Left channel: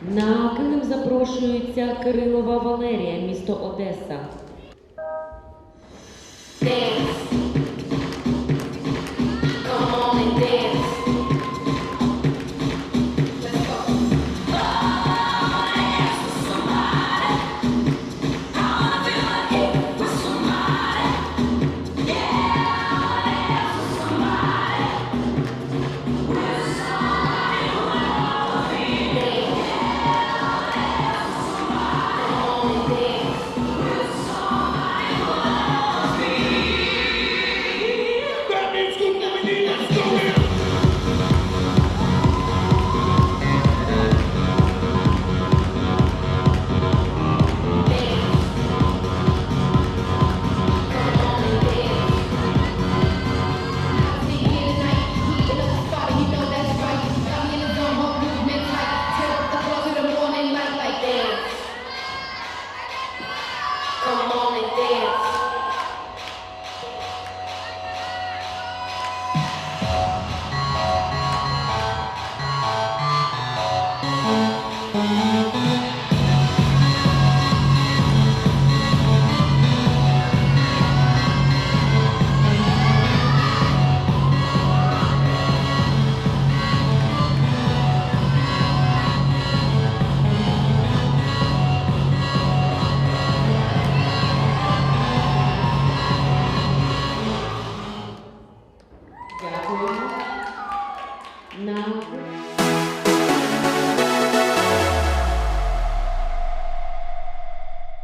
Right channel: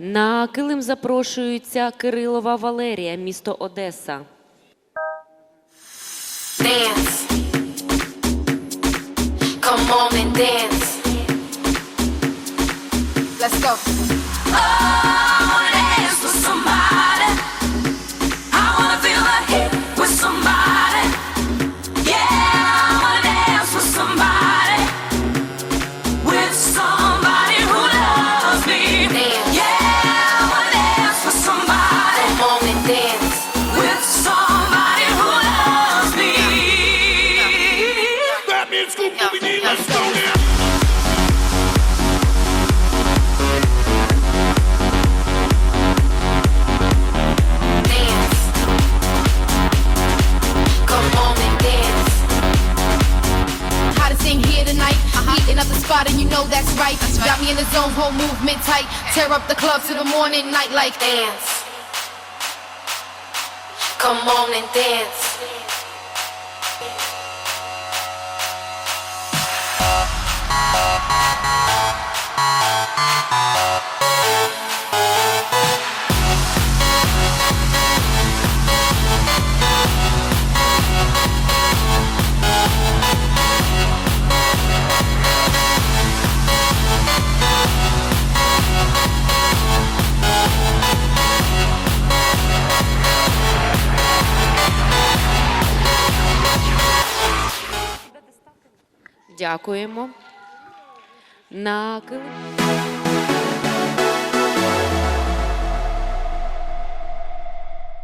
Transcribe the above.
На килим запрошується Кирилова Валерія, місто Одеса. dance. Come on and dance. Let's go. Oh, spot, and you know that's right. Got me in the zone, whole movement tight. Tear up the club to the morning light like Dance. Come on and dance. Дякуємо. На килим.